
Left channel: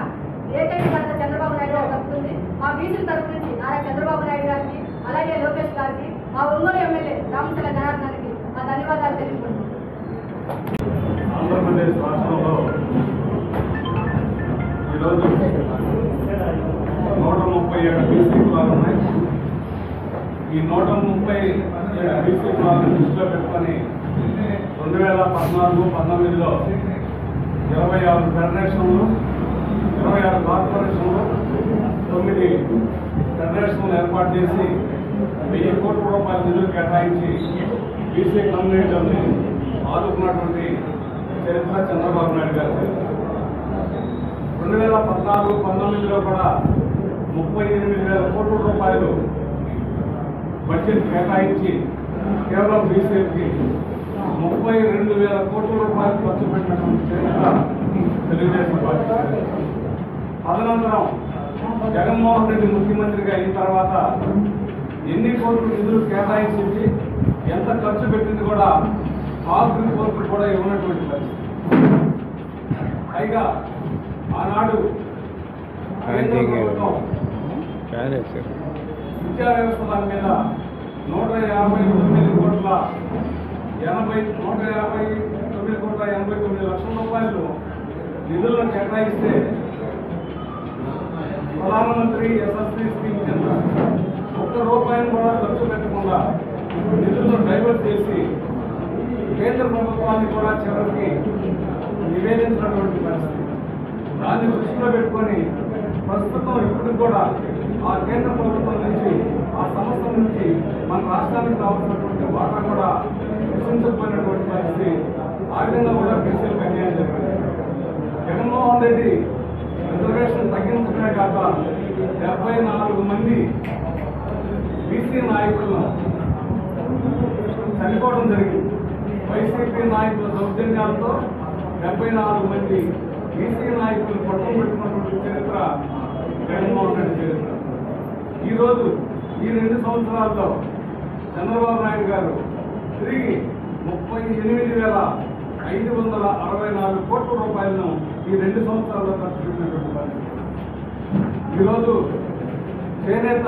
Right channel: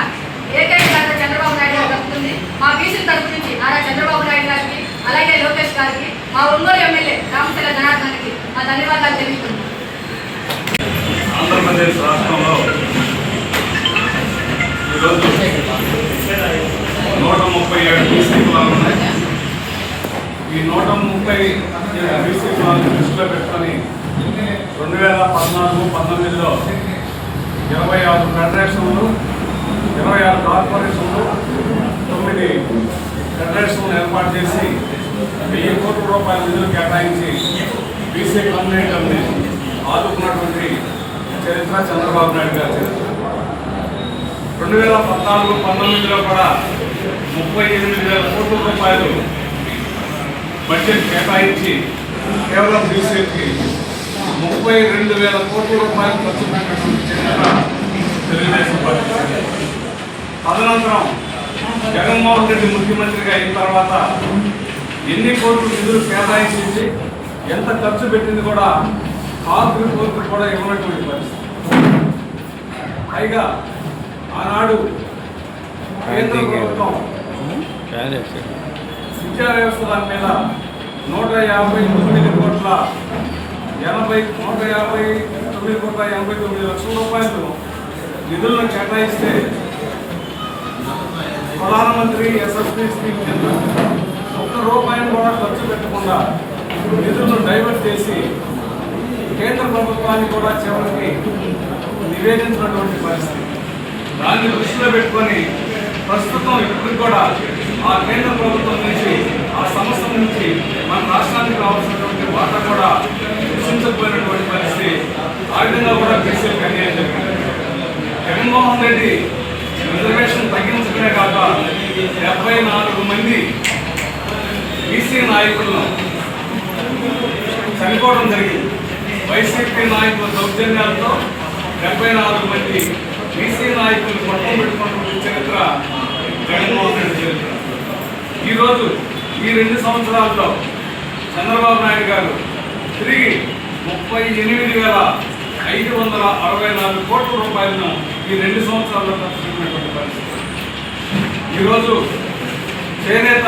ఏకైక ఘనత చంద్రబాబు నాయుడు గారికి దక్కుతుంది. మా బీసీల తరఫు నుంచి నారా చంద్రబాబు నాయుడు గారికి, అలాగే లోకేష్ గారికి, మా ఒంగోలు ఎమ్మెల్యే రామచంద్ర జనార్దన్కి మా ధన్యవాదాలు తెలుపుతున్నాం. ఆంధ్రప్రదేశ్ రాష్ట్రంలో ఈరోజు 137 బీసీ కులాలు ఉన్నాయి. ఈ 137 బీసీ కులాలను దృష్టిలో పెట్టుకొని 2014-19లో 26 ఫెడరేషన్లు, 26 కార్పొరేషన్లు, 9 ఫెడరేషన్లు ఏర్పాటు చేసి 1000 కోట్ల రూపాయల నిధులు కేటాయించి బీసీ కమ్యూనిటీని ఆదుకున్నటువంటి చరిత్ర చంద్రబాబు నాయుడు గారి చరిత్ర. 2014-19లో కూడా 38,000 కోట్ల రూపాయలు బడ్జెట్ కేటాయించి కేవలం బీసీకి 32,000 కోట్ల రూపాయలు ఖర్చు పెట్టినటువంటి చరిత్ర తెలుగుదేశం పార్టీ. తదనంతరం జగన్మోహన్ రెడ్డి ముఖ్యమంత్రిగా అయిన తర్వాత ఎన్ని కోట్లు నిధులు కేటాయించి ఎంత ఖర్చు పెట్టింది కూడా కాల్ రిపోర్టు కూడా ఇవ్వనటువంటి పరిస్థితి. పైగా ఆనాడు కేంద్ర ప్రభుత్వం విద్యా వ్యవస్థ దాని మీద 159 కోట్ల 89 లక్షల రూపాయలు నిధులను కేటాయిస్తే ప్రధానమంత్రి ఎస్ఎస్పీ స్కీమ్ కింద 1 రూపాయలు కూడా ఖర్చు పెట్టకుండా నిధులను డైవర్ట్ చేసి కేంద్ర ప్రభుత్వాన్ని కూడా చివరికి నివేదించినటువంటి పరిస్థితి. దాన్ని దృష్టిలో పెట్టుకొని ప్రస్తుతం ఇప్పుడు కూడా ఆ కేంద్ర ప్రభుత్వం నుంచి ఆ సంస్థ నుంచి మన రాష్ట్రానికి రావాల్సినటువంటి వాటా కూడా సృష్టించకపోయినటువంటి పరిస్థితి. ఆ విధంగా కూడా బీసీలకు అన్యాయం జరిగింది. జగన్మోహన్ రెడ్డి రిజర్వేషన్ తగ్గించడమే కాక 74 మంది బీసీ నాయకులను చనిపోవడం జరిగింది. వైసీపీ నాయకుల దౌర్జన్యాలతో 74 మంది బీసీ నాయకులు పట్టం పెట్టుకున్నటువంటి చరిత్ర జగన్మోహన్ రెడ్డి చరిత్ర. ఈరోజు ఈ 2 సంవత్సరాల్లో చంద్రబాబు నాయుడు గారు తిరిగి 38,564 కోట్ల రూపాయలను ఈ 2 సంవత్సరాల్లో ఖర్చు పెట్టినటువంటి పరిస్థితి. ఈరోజు చేనేత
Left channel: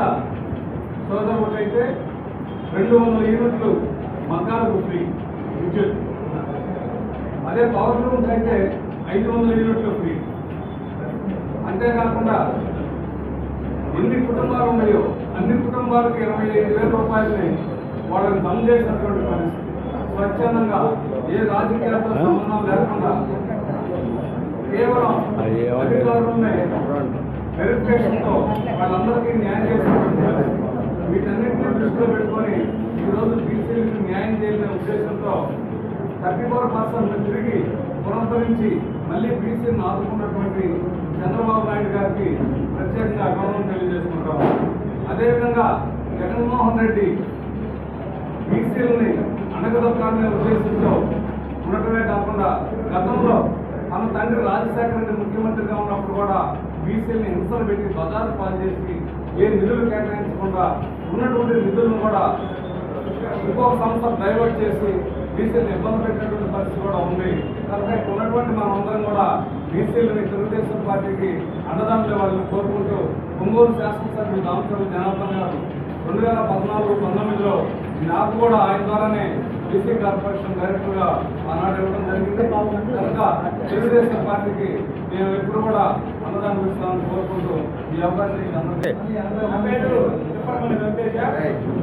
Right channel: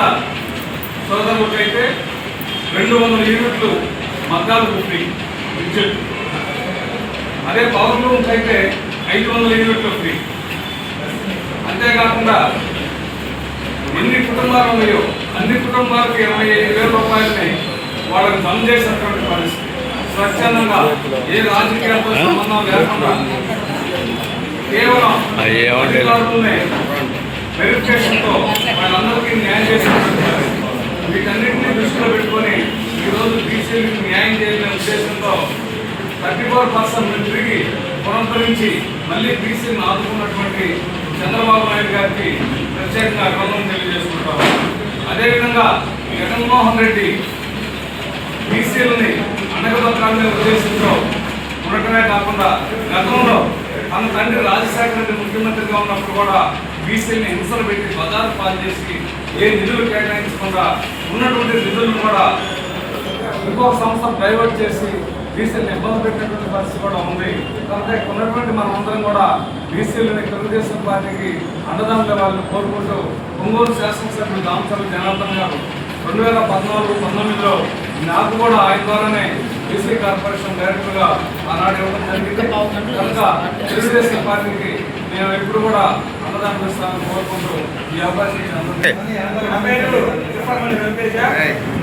సోదరులకైతే 200 యూనిట్లు మగ్గాలకు ఫ్రీ విద్యుత్. అదే పవర్ లూమ్స్ అయితే 500 యూనిట్లు ఫ్రీ. అంతేకాకుండా ఎన్ని కుటుంబాలు ఉన్నాయో అన్ని కుటుంబాలకు 25,000 రూపాయలని వాళ్ళకి జమ చేసినటువంటి పరిస్థితి. స్వచ్ఛందంగా ఏ రాజకీయాలతో సంబంధం లేకుండా కేవలం అధికారులనే వెరిఫికేషన్తో వాళ్ళందరికీ న్యాయం చేసినటువంటి పరిస్థితి. వీటన్నింటినీ దృష్టిలో పెట్టుకొని ఈరోజు బీసీలకు న్యాయం చేయాలనే ఉద్దేశంతో 34% తిరిగి పునరుద్ధరించి మళ్ళీ బీసీలను ఆదుకున్నటువంటి చంద్రబాబు నాయుడు గారికి ప్రత్యేకంగా గౌరవం తెలియజేసుకుంటాం. అదేవిధంగా జగన్మోహన్ రెడ్డి బీసీలని అనగదొక్కాలనే ఉద్దేశంతో ఉండటమే కాకుండా గతంలో తన తండ్రి రాజశేఖర రెడ్డి ముఖ్యమంత్రిగా ఉన్నప్పుడు కూడా బీసీని హింసలు పెట్టి బజారు పాలు చేసి ఏ నిధులు కేటాయించకుండా ఉన్నటువంటి నిధులను కూడా ఇంకొక సంస్థ డైవర్ట్ చేసి బీసీలను ఇబ్బంది పెట్టినటువంటి పరిస్థితి కూడా ఉంది. కాబట్టి ఉన్నటువంటి మనమందరం కూడా బీసీలని తెలుగుదేశం పార్టీకి అండదండల వాళ్ళని కోరుకుంటూ ఒంగోలు శాసనసభ్యులు దామచర్ల జనార్దన్ గారు 2014-19లో నాకు కూడా ఆయన ద్వారానే బీసీ కార్పొరేషన్ డైరెక్టర్గా ఆనాడు ఇవ్వడం జరిగింది. కనుక తెలుగుదేశం పార్టీకి మేము ఎప్పుడు కూడా అన్నదానం ఇస్తామని కోరుకుంటూ ఈ అవకాశం ఇచ్చినందుకు నా పేరు Tirupati Venkatesha,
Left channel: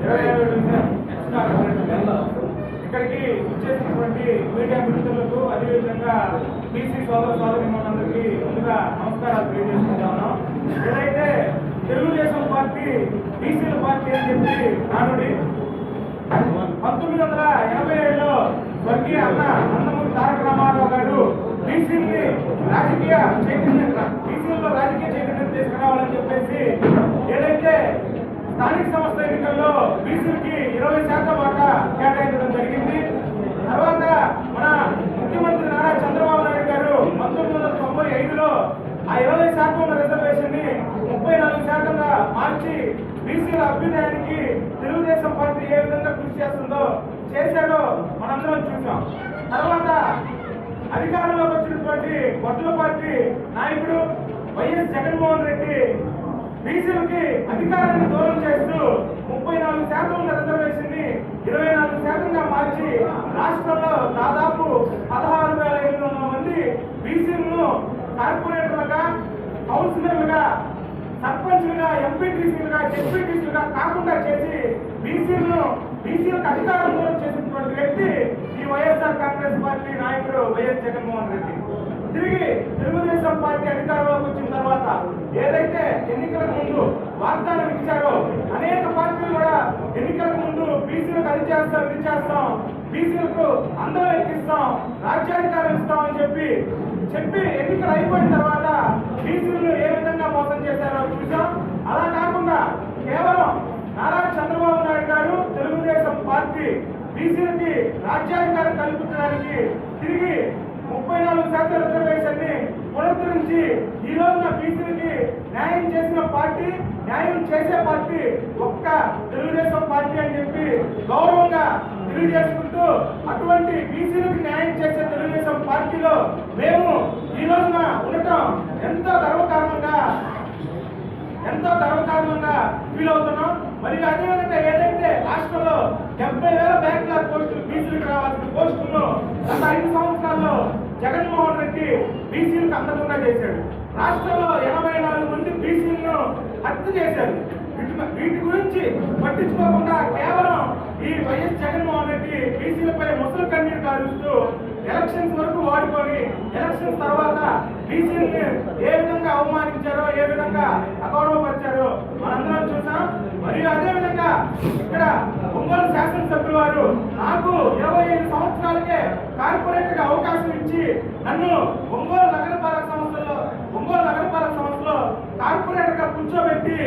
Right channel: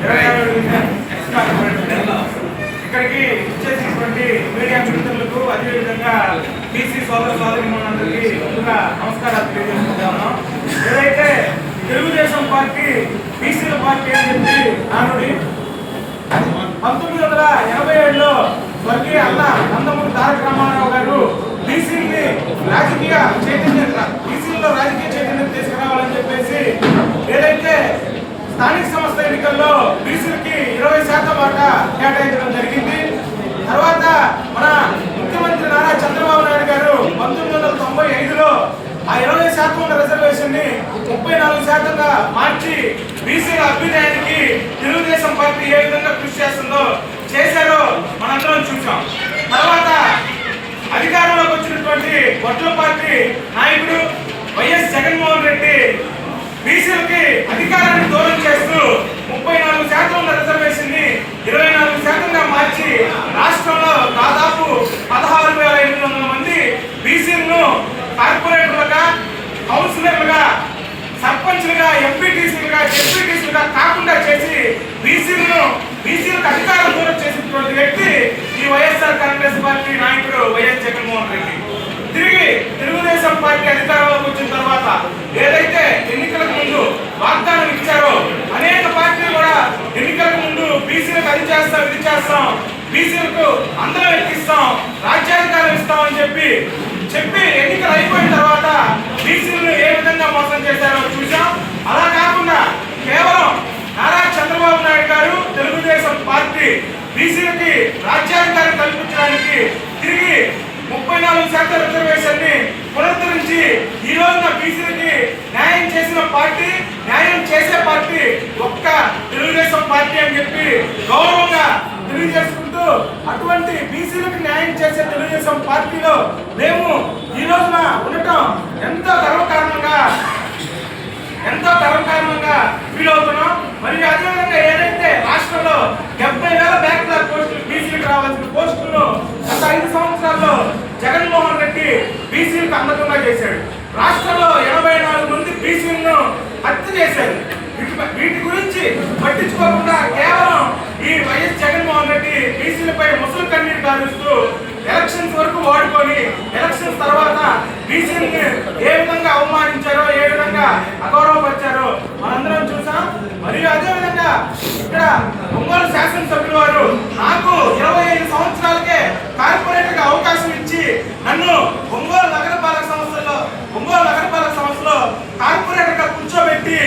27 division ex corporator. ఇక్కడికి ఇచ్చేసినటువంటి మీడియా మిత్రులకు అదేవిధంగా బీసీ సోదర సోదరిమణులందరికీ ముందుగా నమస్కారాలు తెలియజేసుకుంటాను. ఏదైతే తెలుగుదేశం పార్టీ బీసీల పార్టీ అని చెప్పి నానుడి 1987లో స్వర్గీయ అన్న నందమూరి తారక రామారావు గారు బీసీలో రాజకీయ చైతన్యం తీసుకురావాలని చెప్పేసి ఏదైతే స్థానిక సంస్థ ఎన్నికల్లో బీసీలకి 20% వాటా కేటాయించడం జరిగింది. తర్వాత మన ముఖ్యమంత్రి నారా చంద్రబాబు నాయుడు గారు 1995లో ఆ 20% ఉన్న రిజర్వేషన్ ని 34%గా మార్చి బీసీల అభ్యుదయానికి తెలుగుదేశం పార్టీ ఏ విధంగా కృషి చేశారో మనందరం చూసాం. తర్వాత అధికారంలోకి వచ్చినటువంటి వడ్ల పార్టీ నాయకుడు వైఎస్ జగన్మోహన్ రెడ్డి బీసీలకి అధికారాన్ని దూరం చేస్తూ 34% ఉన్న రిజర్వేషన్ ని 24%గా మార్చి రాష్ట్రంలో దాదాపు 16,500 మంది బీసీలను కార్పొరేటర్లుగా, కౌన్సిలర్లుగా, సర్పంచ్లుగా, ఎంపీటీసీలుగా, జెడ్పీటీసీలుగా కాకుండా చేసి బీసీలకు అధికారం దూరం చేసినటువంటి వ్యక్తి ఈ వైఎస్ఆర్ కాంగ్రెస్ పార్టీ నాయకుడు వైఎస్ జగన్మోహన్ రెడ్డి. తిరిగి తెలుగుదేశం పార్టీ అధికారంలోకి వచ్చిన తర్వాత ఏదైతే ఎన్నికలకు ముందు వాగ్దానం ఇచ్చారో అనేక పార్టీలు కూడా ఎన్నికలకు ముందు బీసీలకు అది చేస్తాం, ఇది చేస్తాం, బీసీలకు అందరం ఎక్కిస్తాం, రాజ్యాధికారం ఇస్తామని చెప్పి ఎన్నికలు అయిపోయిన తర్వాత బీసీలను ఏ విధంగా మోసం చేశారో చూసాం. అలా కాకుండా కేవలం నారా చంద్రబాబు నాయుడు గారు తెలుగుదేశం పార్టీ బీసీలకి రాజ్యాధికారం కల్పించడానికి తిరిగి 34% రిజర్వేషన్ ని పునరుద్ధరించి ఈ రోజున బీసీలకి న్యాయం చేసిన పార్టీ, న్యాయం చేసే పార్టీ ఒక్క తెలుగుదేశం పార్టీ అని చెప్పి గౌరవంగా తెలియజేసుకుంటూ అటువంటి బీసీలకు న్యాయం చేసే తెలుగుదేశం పార్టీలో మేము ఈ రోజున ఉండటం ఎంతో గర్వకారణంగా ఫీల్ అవుతున్నాం. మరియు అదేవిధంగా ఏదైతే రాష్ట్రంలో 70,000 బ్యాక్లాగ్ పోస్టులు బీసీలకు రావాల్సిన పోస్టులను గత 5 సంవత్సరాల్లో జగన్మోహన్ రెడ్డి బీసీలకు అందకుండా చేశాడు. రాష్ట్రంలో 84 మంది బీసీలను హత్య చేశారు. వీటి గురించి పట్టించుకోకుండా కేవలం ఈ వైఎస్ జగన్మోహన్ రెడ్డి బీసీలపై ముసలి కన్నీరు కారుస్తూ ఎలక్షన్స్ వరకు వాడుకొని ఎలక్షన్స్ తర్వాత బీసీని ఏ విధంగా అవమానించారో, ఏ విధంగా అగౌరవపరిచారో మనందరం చూసాం. మరియు అదేవిధంగా ఇక్కడ ఒంగోలు శాసనసభ్యులు వారు నాకు 25 సంవత్సరాలకే కార్పొరేటర్గా అవకాశం ఇచ్చి నన్ను ఒంగోలు నగరపాలక సంస్థలో కార్పొరేటర్గా కూర్చోబెట్టి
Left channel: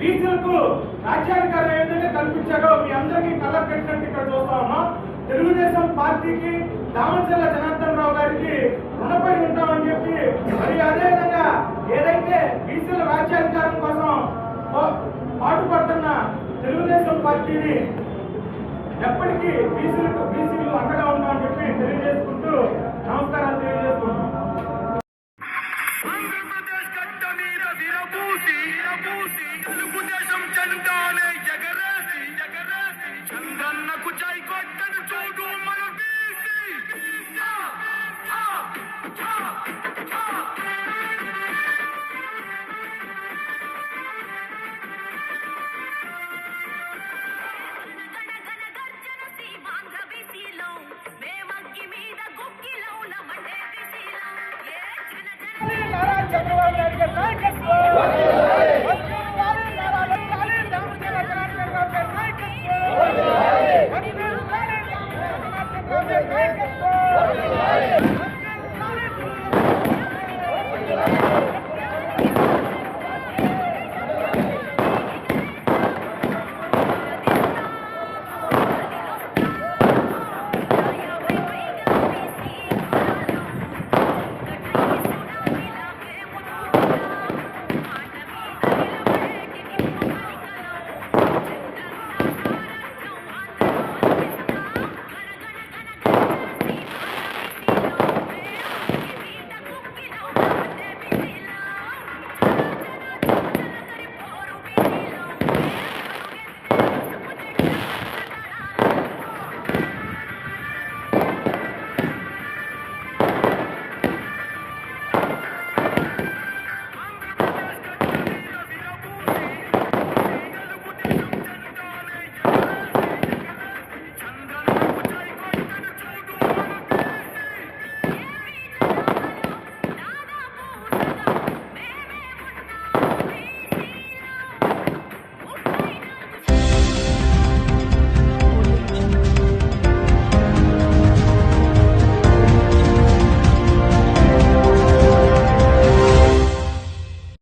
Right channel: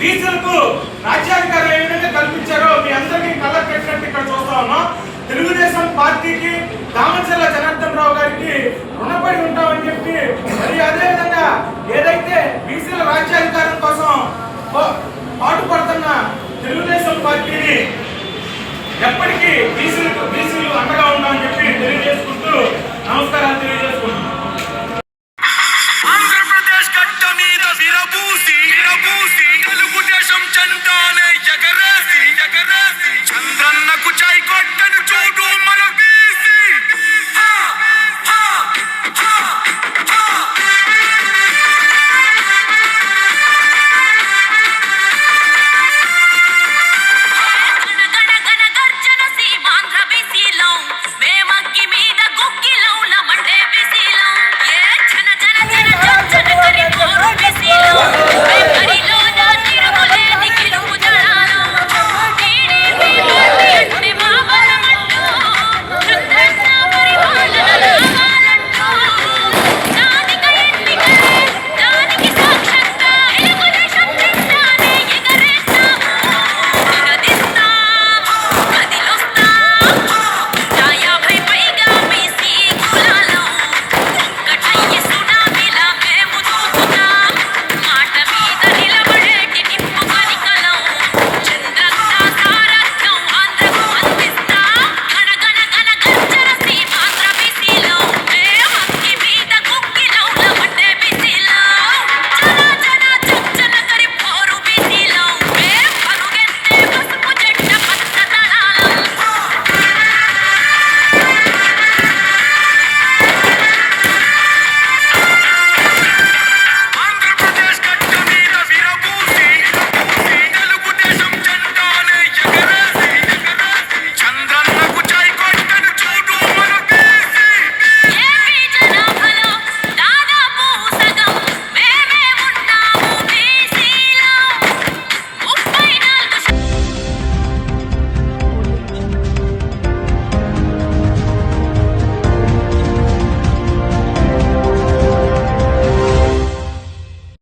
బీసీలకు రాజ్యాధికారం ఏ విధంగా కల్పించారో మీ అందరికీ కళ్ళకు కట్టినట్టు ఇక్కడ చూస్తా ఉన్నాం. తెలుగుదేశం పార్టీకి దామచర్ల జనార్దన్ రావు గారికి రుణపడి ఉంటామని చెప్పి మరియు అదేవిధంగా ఏదైతే బీసీల రాజ్యాధికారం కోసం పాటుపడుతున్న తెలుగుదేశం పార్టీని ఎప్పటికీ బీసీలకు